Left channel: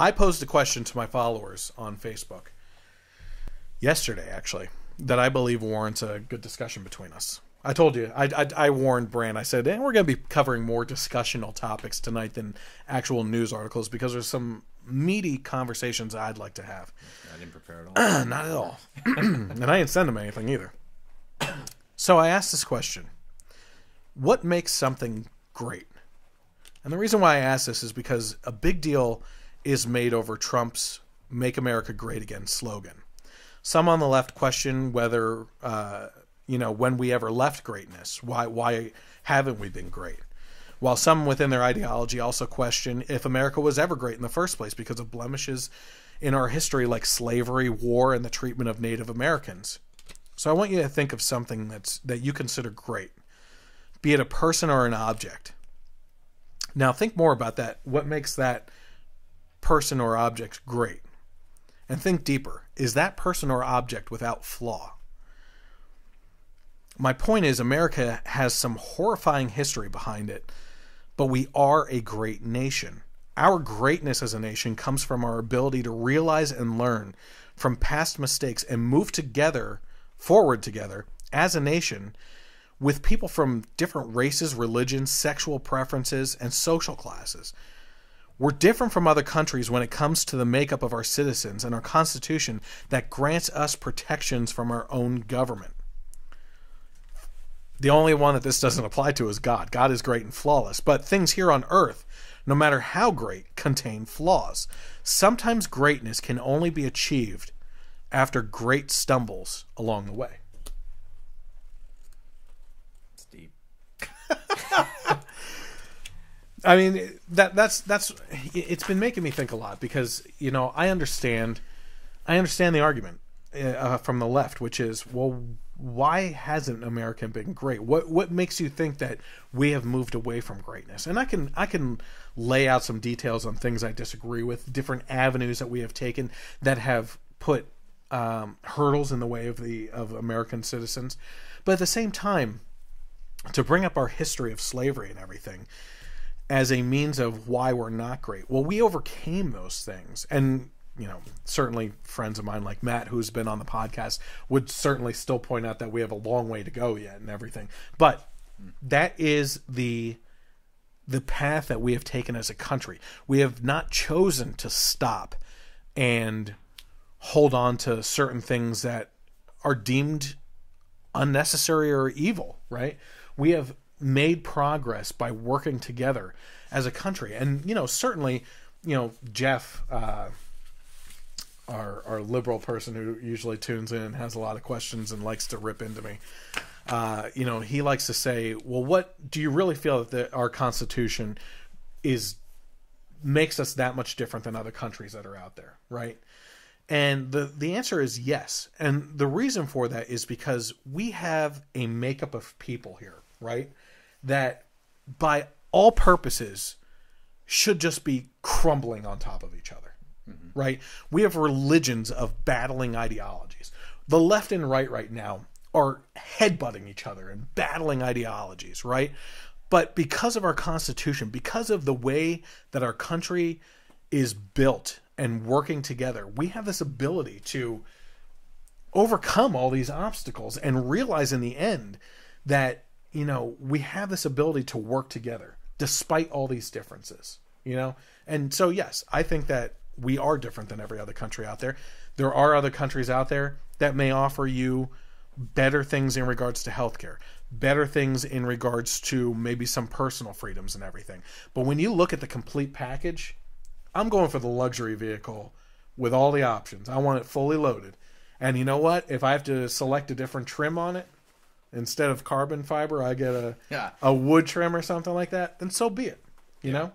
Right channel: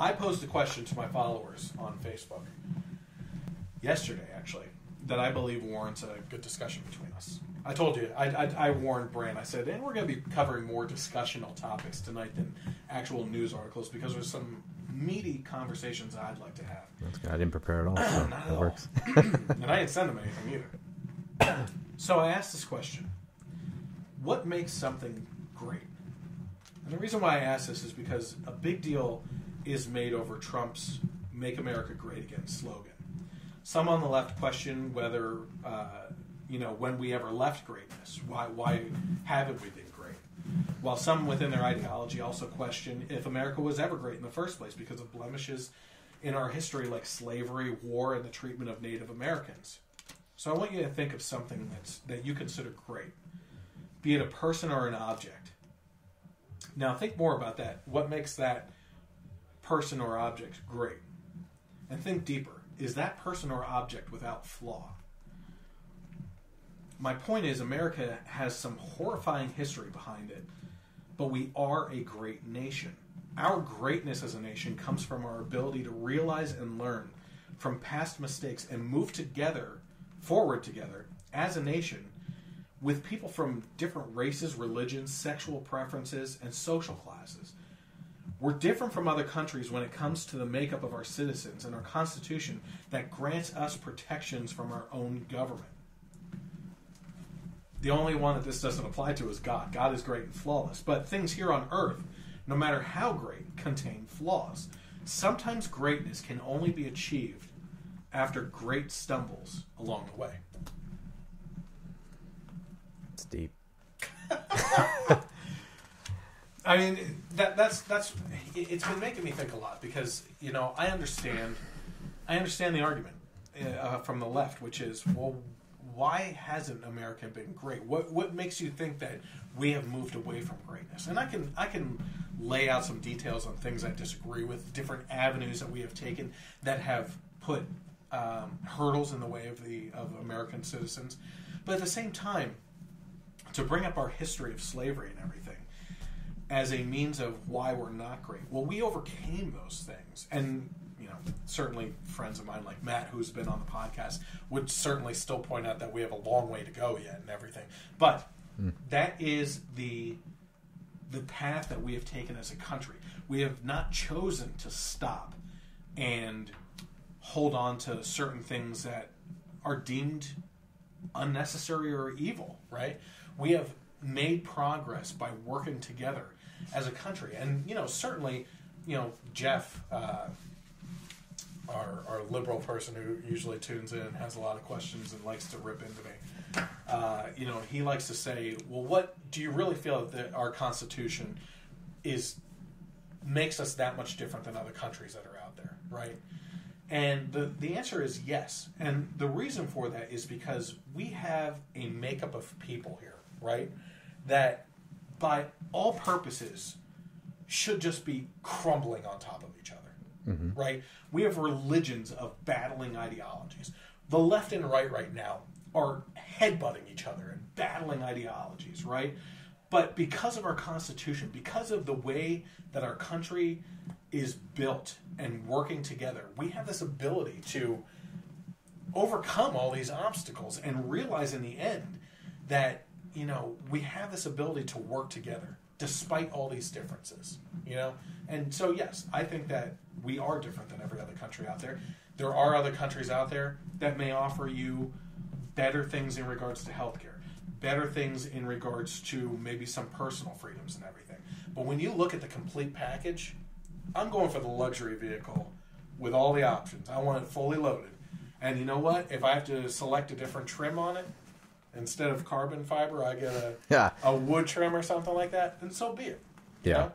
I posed a question to my followers on Facebook yesterday, actually, that I believe warrants a good discussion between us. I told you, I warned Brand. I said, we're going to be covering more discussional topics tonight than actual news articles because there's some meaty conversations I'd like to have. I didn't prepare at all. Not at all. And I didn't send them anything either. So I asked this question. What makes something great? And the reason why I ask this is because a big deal is made over Trump's Make America Great Again slogan. Some on the left question whether, when we ever left greatness. Why haven't we been great? While some within their ideology also question if America was ever great in the first place because of blemishes in our history like slavery, war, and the treatment of Native Americans. So I want you to think of something that you consider great, be it a person or an object. Now think more about that. What makes that person or object great? And think deeper. Is that person or object without flaw? My point is America has some horrifying history behind it, but we are a great nation. Our greatness as a nation comes from our ability to realize and learn from past mistakes and move forward together as a nation with people from different races, religions, sexual preferences, and social classes. We're different from other countries when it comes to the makeup of our citizens and our Constitution that grants us protections from our own government. The only one that this doesn't apply to is God. God is great and flawless. But things here on earth, no matter how great, contain flaws. Sometimes greatness can only be achieved after great stumbles along the way. It's deep. I mean, that's it's been making me think a lot because, I understand the argument from the left, which is, well, why hasn't America been great? What makes you think that we have moved away from greatness? And I can lay out some details on things I disagree with, different avenues that we have taken that have put hurdles in the way of American citizens. But at the same time, to bring up our history of slavery and everything as a means of why we're not great. Well, we overcame those things. And certainly friends of mine like Matt, who's been on the podcast, would certainly still point out that we have a long way to go yet and everything. But that is the path that we have taken as a country. We have not chosen to stop and hold on to certain things that are deemed unnecessary or evil, right? We have made progress by working together as a country. And, certainly, Jeff... Our liberal person who usually tunes in and has a lot of questions and likes to rip into me. He likes to say, well, what do you really feel that our Constitution makes us that much different than other countries that are out there, right? And the answer is yes. And the reason for that is because we have a makeup of people here, right, that by all purposes should just be crumbling on top of each other. Mm-hmm. Right? We have religions of battling ideologies. The left and right now are headbutting each other and battling ideologies, right? But because of our Constitution, because of the way that our country is built and working together, we have this ability to overcome all these obstacles and realize in the end that, we have this ability to work together despite all these differences, And so, yes, I think that we are different than every other country out there. There are other countries out there that may offer you better things in regards to healthcare, better things in regards to maybe some personal freedoms and everything. But when you look at the complete package, I'm going for the luxury vehicle with all the options. I want it fully loaded. And you know what? If I have to select a different trim on it, instead of carbon fiber, I get a wood trim or something like that, then so be it. You know?